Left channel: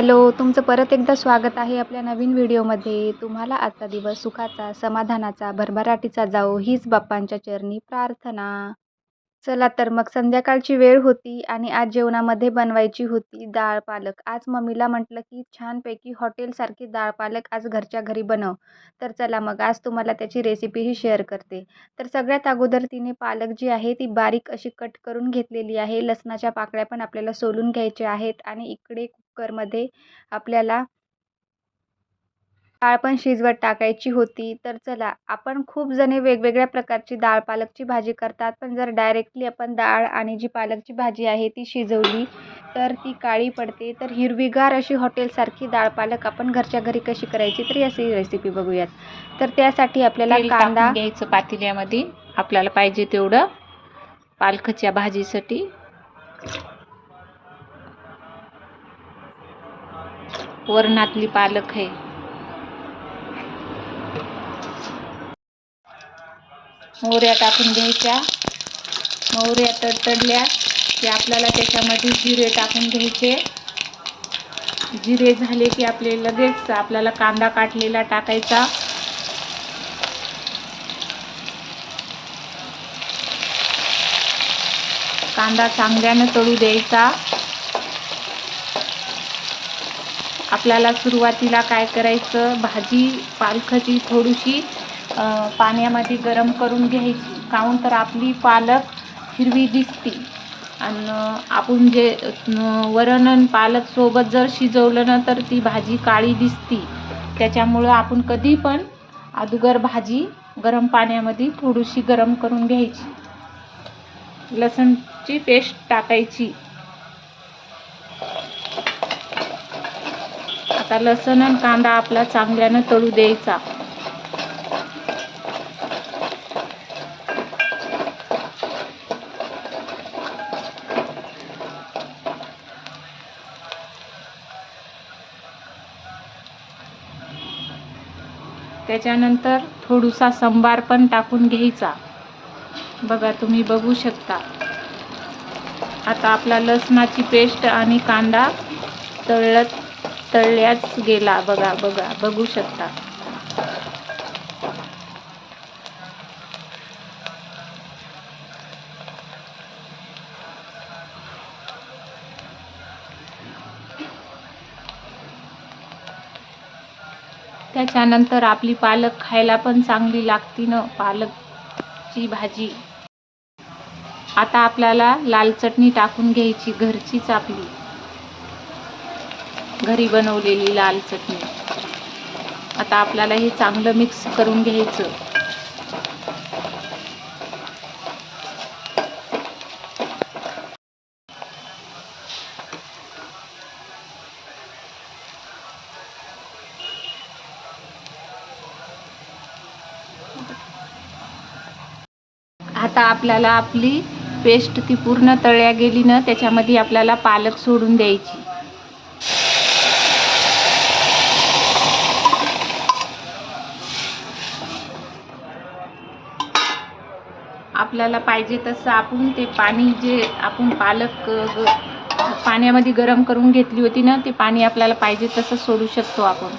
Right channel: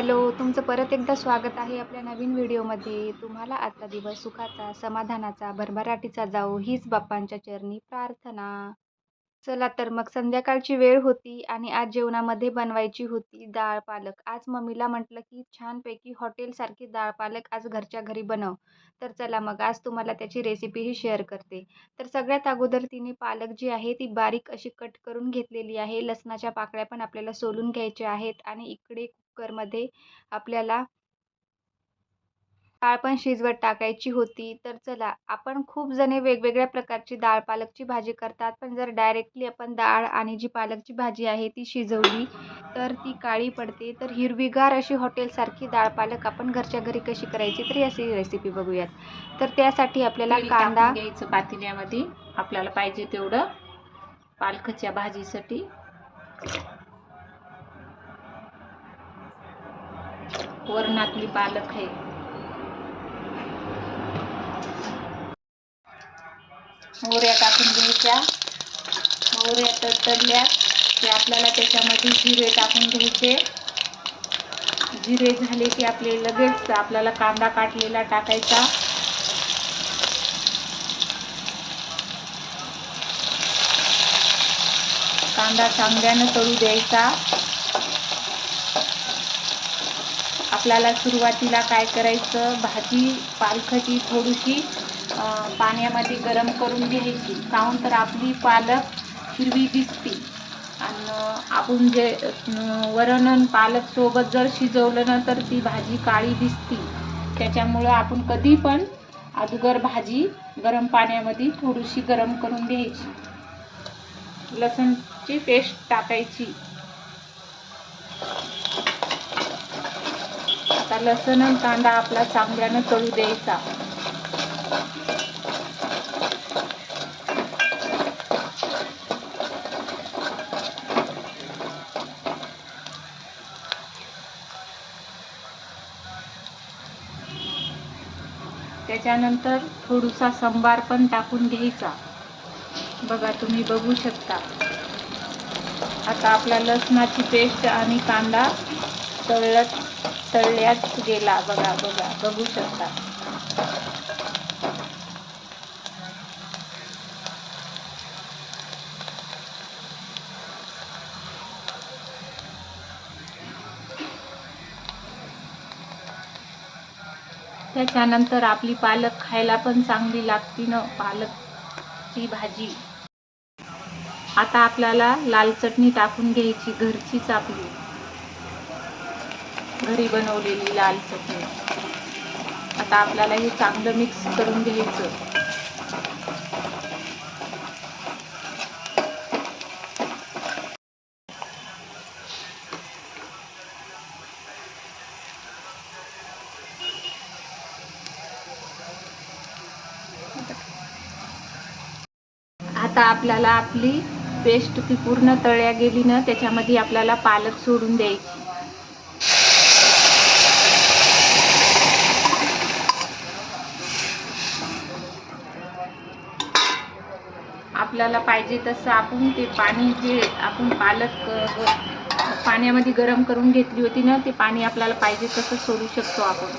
Hello, तुमचं परत एकदा स्वागत आहे आपल्या नवीन व्हिडिओमध्ये. तुम्हाला आजचा दिवस सुखाचा, समाधानाचा, भरभराटीचा जावो हीच बाप्पांच्या चरणी प्रार्थना. चला तर मग संध्याकाळची वेळ होती आणि आज जेवणामध्ये बनवायची होती डाळ पालक. आज मम्मीला म्हटलं की छानपैकी हॉटेलसारखी डाळ पालक आज घरच्या घरी बनव. तर चला मग आज तुम्हाला त्याची रेसिपीही शेअर करते. तर सगळ्यात अगोदर तिने पालक जी आहे ती बारीक अशी कट करून घेतलेली आहे. लसणाच्या पाकळ्या पण आपल्याला सोलून घ्यायच्या आहेत आणि इकडे कुकरमध्ये आपल्याला डाळ पण शिजवत टाकायची होती. तर चला, आपण खूप जणे वेगवेगळ्या प्रकारची डाळ पालकची भाजी करतात, पण जर डायरेक्टली आपण डाळ आणि जी पालकची भाजी आहे ती शिजवली तर ती काळी पडते. तर हिरवीगार अशी हॉटेलसारखी डाळ पालक आपण घरच्या घरी कशी करायची तर याची रेसिपी बघूयात. तर त्यासाठी आपल्याला तेल कांदा टाकून घ्यायचं पातेल्यामध्ये आपल्याला पाहिजे तेवढं पालकाच्या भाजीसाठी. वरणातली पालक आहे. मोहऱ्या टाकून घ्यायच्या. मोहऱ्या तडतडल्या की आपल्याला त्याच्यामध्ये जिरे टाकून घ्यायचे. जिरे झाले की लगेच आपल्याला कांदा काटलेला टाकायचा. कांदा चांगल्यानं तळू द्यायचा. आपल्याला सुरुवातीला काय करायचं, भाजी पालकाची थोडीशी पाण्यामध्ये गरम करून घ्यायची. काहून तर आपली पालक हिरवी दिसते आणि आपण जे वरण आणि पालक सोबत जर शिजवलं ना तर ती भाजी काळी दिसते. त्याच्यामुळं आपण कधी पण अगोदर भाजी गरम पाण्यामध्ये थोडीशी गरम करून घ्यायची. लसणची पेस्ट टाकायची. आता लसण आणि कांदा आपला चांगल्यानं तळू द्यायचा. त्याच्यानंतर थोडासा संबार पण टाकून घ्यायचा. बघा, तुम्ही बघू शकता. आता आपला लसणाची पेस्ट आणि कांदा तळल्याच गेला. बघू शकता. त्याच्यानंतर आपली पालक खायला पण चांगली लागते ना, पालकची भाजी. आता आपल्याला लाल चटणी टाकून घ्यायची, घरचीच आपली घरी बनवलेली लाल चटणी. आता आपल्याला हे चांगलं मिक्स करून घ्यायचं. आता आपल्याला आपली पेस्ट ती पूर्ण तळल्या गेली ना, त्याच्यामध्ये आपल्याला पालक सोडून द्यायची. आपल्याला पाहिजे तसं आपण ते पाणी जे आपण पालक पाण्यामध्ये गरम करून घेतली होती ना, ते पाणी आपल्याला पाहिजे तसं सोडू शकतो आपण.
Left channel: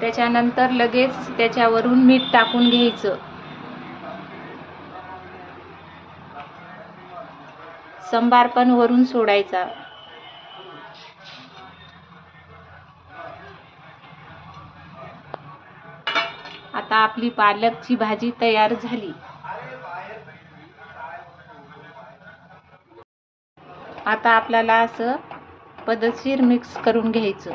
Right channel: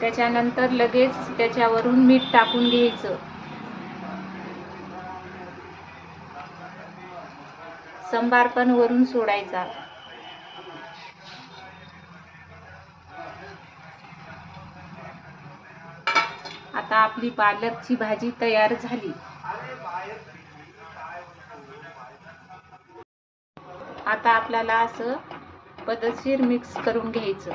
त्याच्यानंतर लगेच त्याच्यावरून मीठ टाकून घ्यायचं. संबार पण वरून सोडायचा. आता आपली पालकची भाजी तयार झाली. आता आपल्याला असं पद्धतशीर मिक्स करून घ्यायचं.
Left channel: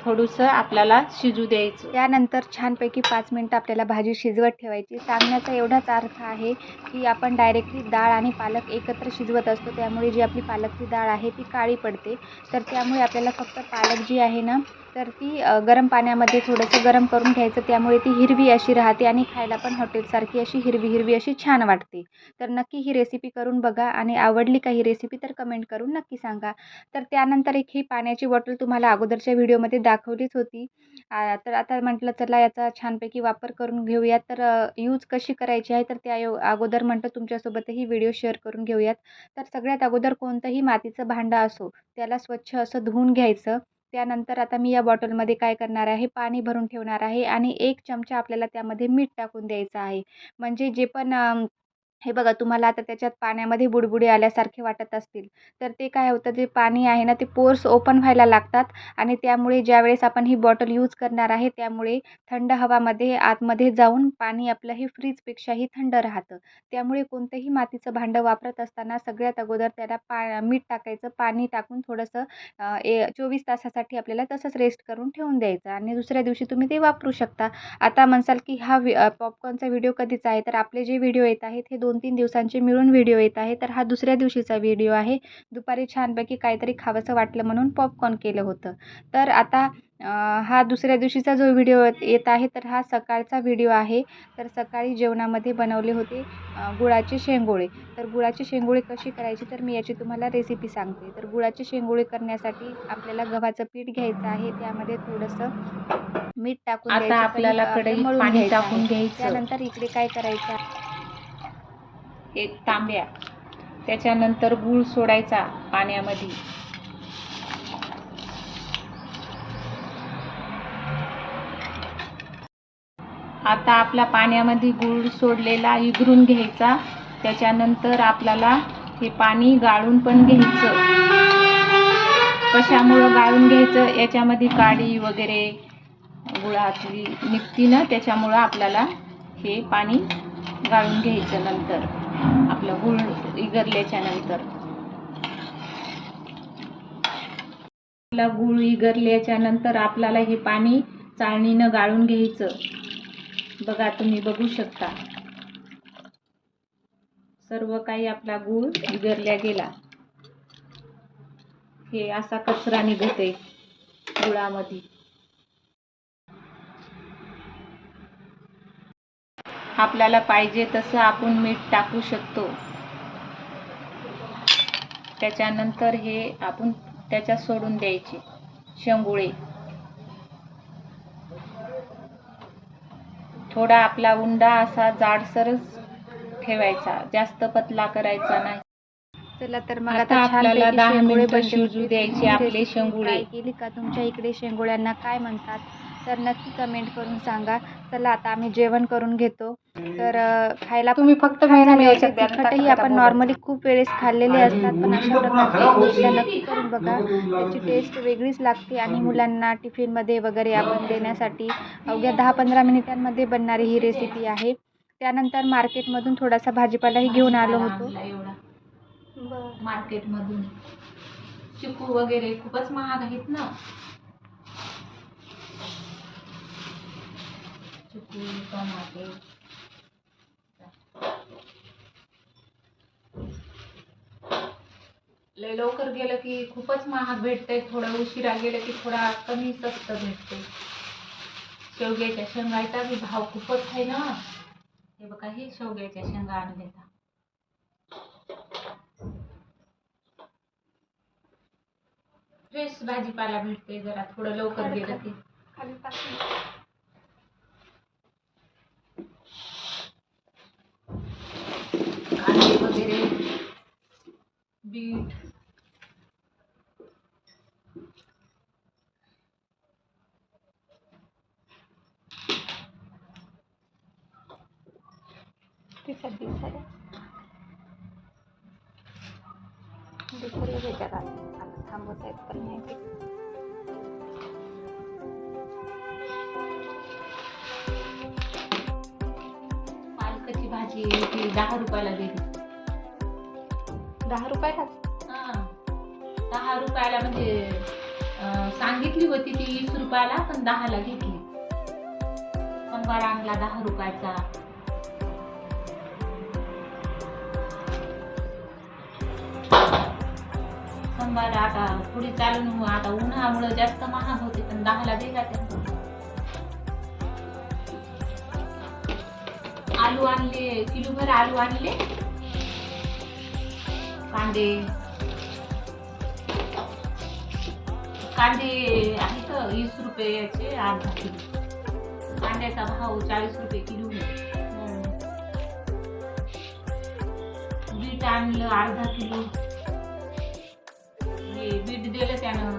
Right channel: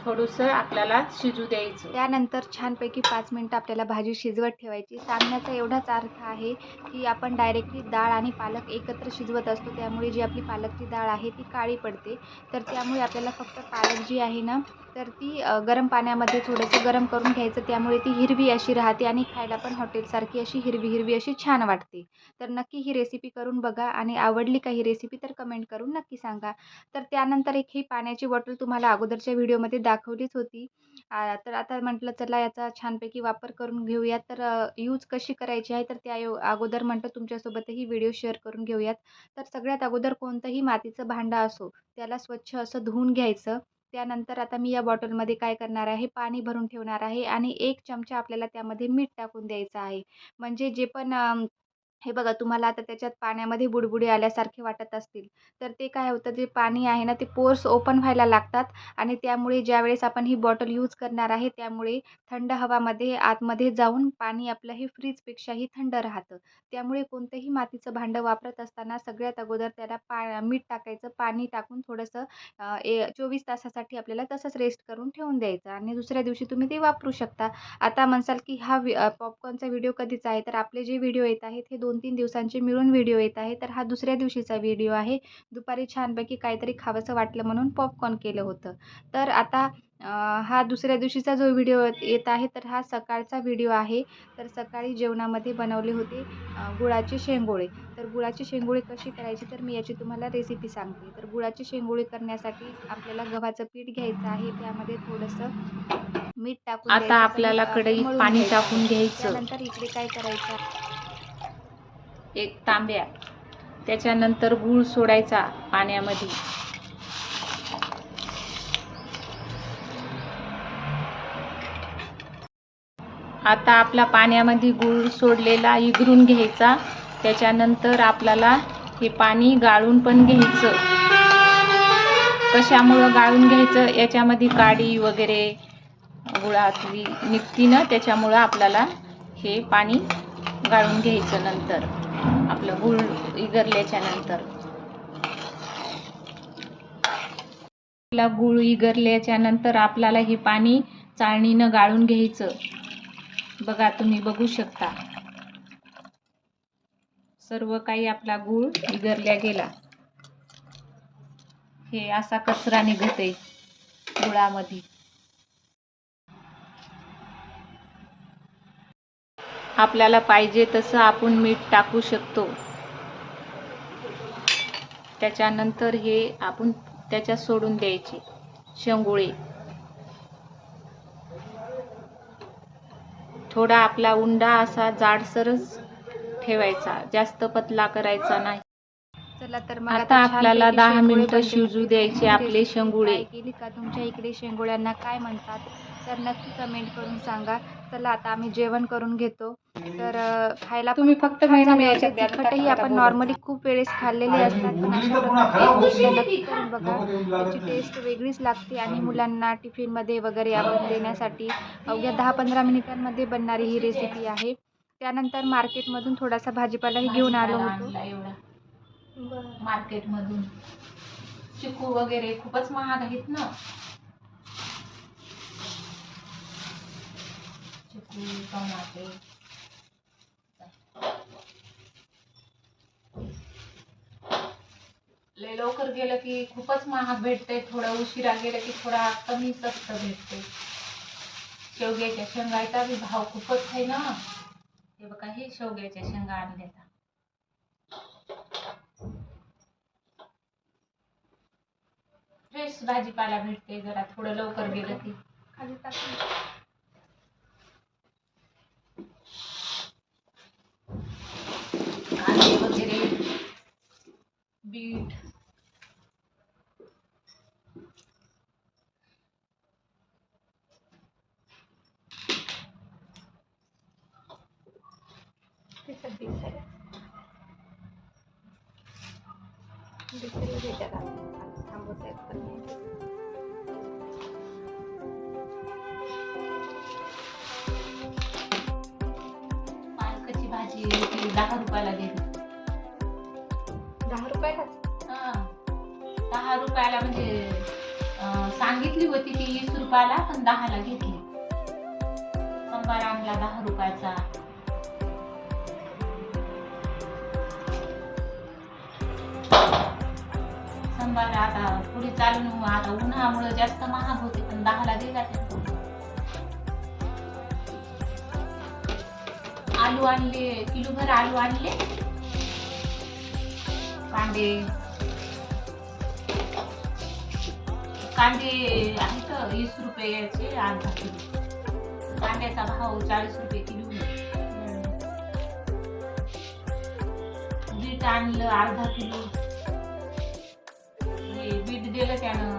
थोडंसं आपल्याला शिजू द्यायचं. त्यानंतर छानपैकी 5 मिनिटं आपल्याला भाजी शिजवत ठेवायची. सांगण्याचा एवढाच अर्थ आहे की आपण डायरेक्टली डाळ आणि पालक एकत्र शिजवत असतो, त्यामुळे जी आपली पालकची डाळ आहे ती काळी पडते. तर त्यामुळे आपल्याला फक्त पालक जी आहे ना, तर ती गरम पाण्यामध्ये थोडंसं गरम करून घ्यायचं. त्यामुळे ती हिरवी अशी राहते आणि खायला पण हॉटेलसारखी अशी हिरवी हिरवी अशी छान वाटते. तर नक्की ही रेसिपी करून बघा आणि आवडली का ही रेसिपी तर कमेंट करून नक्की सांगा. तर त्यानंतर एक ही पाण्याची बॉटल तुम्हाला अगोदरच्या व्हिडिओमध्ये दाखवलीच होती. तर आता म्हटलं चला याचा छानपैकी वापर करून घेऊयात. तर यूज कशी करायची आहे तर त्या अगोदर म्हटलं तुमच्यासोबतही व्हिडिओ शेअर करून घेऊयात. तर सगळ्यात अगोदर कोणतंही मातीचं भांडं असो त्याला स्वच्छ असं धुवून घ्यायचं. त्यानंतर आता मी या बॉटलमध्ये काय करणार आहे, पाणी भरून ठेवणार आहे आणि 1 चमचा आपल्याला त्यामध्ये मीठ टाकून द्यायचं आहे. म्हणजे जे पण हे बघा तुम्हाला आता त्याच्यात पाण्यामध्ये बुडबुडे आल्यासारखे वाटत असतील, तर ते काय होतं जे पाणी आहे ना ते पोर्स ओपन व्हायला लागतात आणि त्यामुळे ज्यावेळेस आपण ही बॉटल यूज करणार आहे त्यामुळे थंड हवामध्ये आतमध्ये जाऊन पाणी आपलं हे फ्रीजपेक्षाही थंड राहतं. त्यामुळे कोणतंही मातीचं भांडं वापरत असताना सगळ्यात अगोदर त्याला मीठ टाकायचं, पाणी टाकून थोडंसं 24 तासासाठी आपल्याला तसंच रेस्ट करून ठेवून द्यायचं आणि दुसऱ्या दिवशी तुम्ही ते वापरू शकता. आता म्हणसाल की हा पॉपकॉर्नचा व्हिडिओ कधीचा आहे? तर आपले जे व्हिडिओ येत आहेत हे 2-3 दिवसांचे मिळून व्हिडिओ येत आहे. तर हा दुसऱ्या दिवशीचा व्हिडिओ आहे. दुपारी छानपैकी काहीतरी खावंसं वाटलं म्हणून पॉपकॉर्न केलं होतं. तर आता हा दुसऱ्या दिवशीचा जो व्हिडिओ येत आहे तर हा सकाळचा व्हिडिओ आहे. तर सकाळी जेवणामध्ये बनवले होते गुळाचे शेंगोळे. तर गुळाची शेंगोळे कशी करायची तर मी याची तुम्हाला रेसिपी सांगते. तर गुळाचे शेंगोळे करण्यासाठी आपल्याला गव्हाचं पीठ घ्यायचं आहे. त्यामध्ये थोडंसं मीठ टाकून आता द्यायचं, आपल्याला कणिक आपलं कढईत मळून पाणी घ्यायचं आहे. टाकून घ्यायचं, त्यानंतर इकडे काय करायचं 1 तांब्या. त्याच्यानंतर गूळ सोडायचा पाण्यामध्ये. आता आपला पाण्यामध्ये गूळ सोडलेला इगरून घ्यायचा. त्याच्यानंतर आपल्याला हे पाणी गाळून पण घ्यायचं. कशामुळं गाळून घ्यायचं, याच्यामध्ये काडी वगैरे गुळातली निघती ना, त्याच्यामुळं आपल्याला हे पाणी गाळून घ्यायचं. नंतर आपलं गूळ इगरल्याच्या नंतर आपला गूळ इगरल्याच्या नंतर आपल्याला हे पाणी चाळणीनं गाळून घ्यायचं. बघा तुम्ही बघू शकता सर्व काही आपला गूळ इगरल्या गेला. हे असा कचरा निघतोय गुळामध्ये. आपल्याला पाहिजे तसं आपण मीठ टाकू शकतो. त्याच्यानंतर हे आपण त्याच्यात सोडून द्यायचे शेंगोळे. थोडा आपला उंडा असा जाडसरच ठेवायचा, जास्त पतला करायचा नाही. चला तर मग आता आपल्याला छानपैकी 10 शेंगोळे मिनिटं बनले शिजू होते. द्यायचे तुम्ही ही आपले रेसिपी शेंगोळे. ट्राय केली का? तुमच्या इकडे शेंगोळ्यांना काय म्हणतात? तर नक्की कमेंट करून सांगा. चला आता आम्ही जेवण करून घेतो. तर खायला पण तुम्ही खूप फक्त छान झाले मी होते. याच्यात द्या, तिखटही आपण नॉर्मली खूप वेळेस खाल्लेले असतात, पण अशा प्रकारचे एकदा नक्की करून बघा. त्याची टेस्ट वेगळीच लागते आणि मुलांना टिफिनमध्ये वगैरे आपण देण्यासाठी अवघ्या 10-15 मिनिटांमध्ये बनणारी ही रेसिपी आहे. त्यानंतर मार्केटमधून थोडासा भाजीपालाही घेऊन आलो होतो. मार्केटमधून चिकू वगैरे खूपच महाग आहेत ना. चिकू, टोमॅटो. लय लवकर गेलं की खूपच महाग भेटतंय, थोडं उशिरा गेलं की थोडा कमी स्वस्त भेटते. शेवग्याच्या शेंगाचा बी भाव खूपच आहे ना. हे बघा हे शेवग्याच्या शेंगा आणल्या. फ्रेश भाजीपाला भेटते जरा थोडं लवकर गेलं की. कांदे वगैरे, बीट. पालकाची भाजी ती 10 रुपयाला दिली. 10 रुपयालाच? हा, 10 रुपयाला म्हणजे सांगितली होती ती 20 रुपयाला, पण 10ला घेतली. संबार आणला 10 रुपयाचा. संबार आता पुढे चालून आता उन्हामुळे जास्त महाग होते, पण 10ला दिला त्यांनी. आलू आणले, किलोभर आलू आणले. कांदे, कांदे आहेत 20 रुपयाचे अर्धा किलो. कांद्याचा भाव 40 रुपये किलो आहे. बीट आणलं अर्धा किलो. हे बीट दिलं त्यानं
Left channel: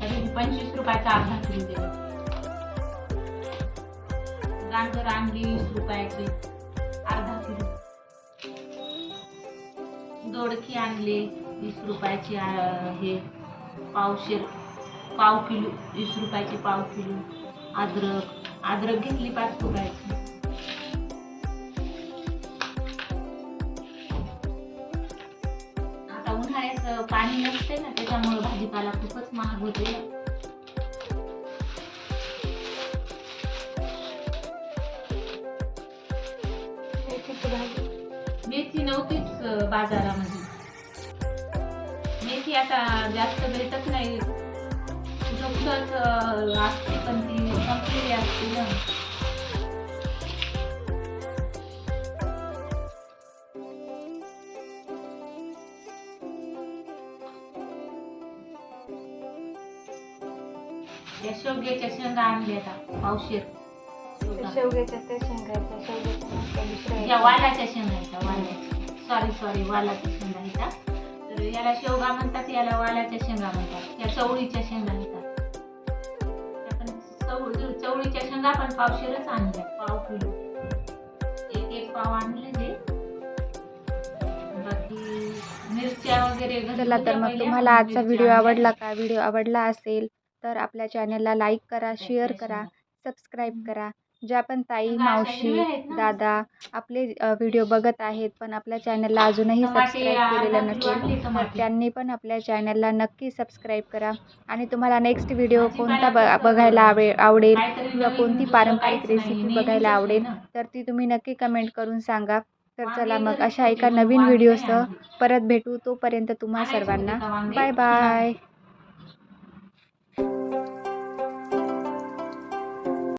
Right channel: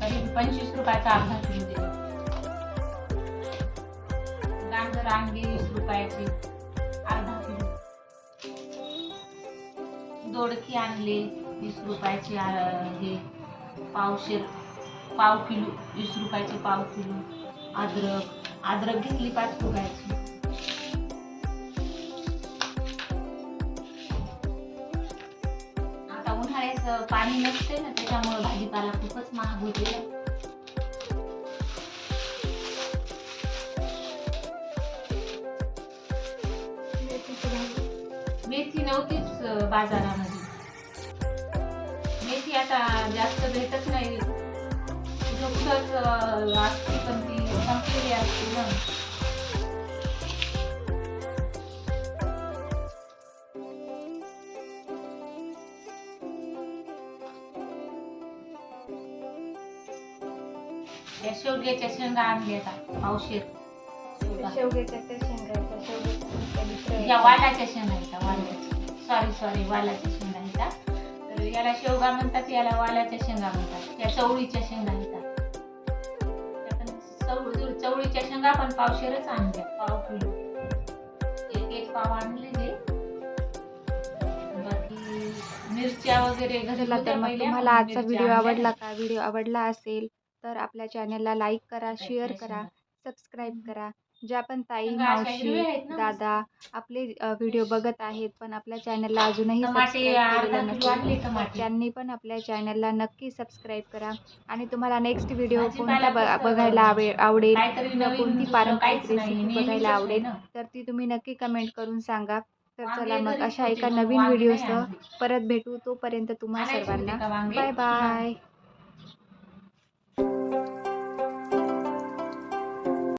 तरी 25 रुपयाचा अर्धा किलो दिलं. गाजर आणली 20 रुपयाची अर्धा किलो. दोडकी आणले 20 रुपयाची हे पाव किलो 20 रुपयाची पाव किलो. अद्रक घेतली 5 रुपयाची. आता उन्हाळ्याचं पाणी नसते ना, त्याच्यामुळे भाजीपाला खूपच महाग होते. मेथी नव्हतीच बाजारामध्ये. मेथी आता जास्त भेटत नाही. कुठंच असते पण ती संपलेली असते ना. या शेवग्याच्या शेंगा आणल्या आता पावशेर. शेवग्याच्या त्या शेंगाच्या या वालाच्या शेंगा आहेत. वालाच्या शेंगा आहेत. तर याला शेवगा म्हणतात, याला वालाच्या शेंगा म्हणतात. या चवळीच्या शेंगा आहेत. चवळीच्या शेंगा पण पावशेरच आणल्या. पाव किलो एक पाव आणले ते. बाकी मिरच्या वगैरे चला तर मग तुम्हाला आजचा व्हिडिओ आवडला का? व्हिडिओ आवडला असेल तर आपल्या चॅनलला लाईक करा, शेअर करा, सबस्क्राईब करा. ज्या पण ताई, मावशी, दादा आपले व्हिडिओ बघत आहेत पण आपल्या चॅनलला अजूनही सबस्क्राईब केलेलं नसेल तर त्यांनी पण आपल्या चॅनलला नक्की सबस्क्राईब करा. आणि तुम्हाला नेक्स्ट व्हिडिओ कोणता बघायला आवडेल किंवा कोणती पारंपरिक रेसिपी बघायला आवडेल तर ती तुम्ही नक्की कमेंट करून सांगा. तर चला मग अशा एका नवीन व्हिडिओसह परत भेटू. तोपर्यंत तुम्हा सर्वांना बाय बाय.